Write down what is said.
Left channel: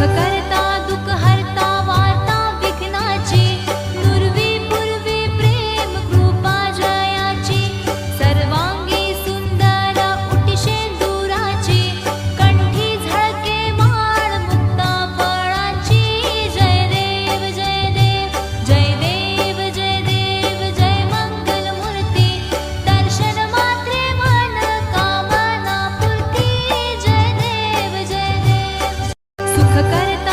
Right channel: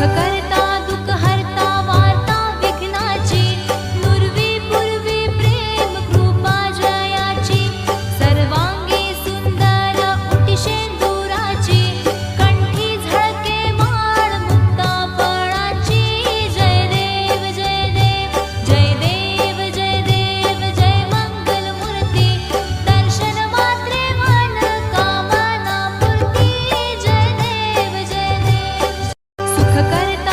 करता दुःख हरता वार्ता विघ्नाची, नुरवी पूर्वी प्रेम कृपा जयाची, सर्वांगी सुंदर उटी शेंदुराची, कंठी झळके माळ मुक्ता फळाची. जय देव जय देव जय देव जय देव जय मंगल मूर्ती, दर्शन मात्रे मन कामना पूर्ती. जय देव सुख करता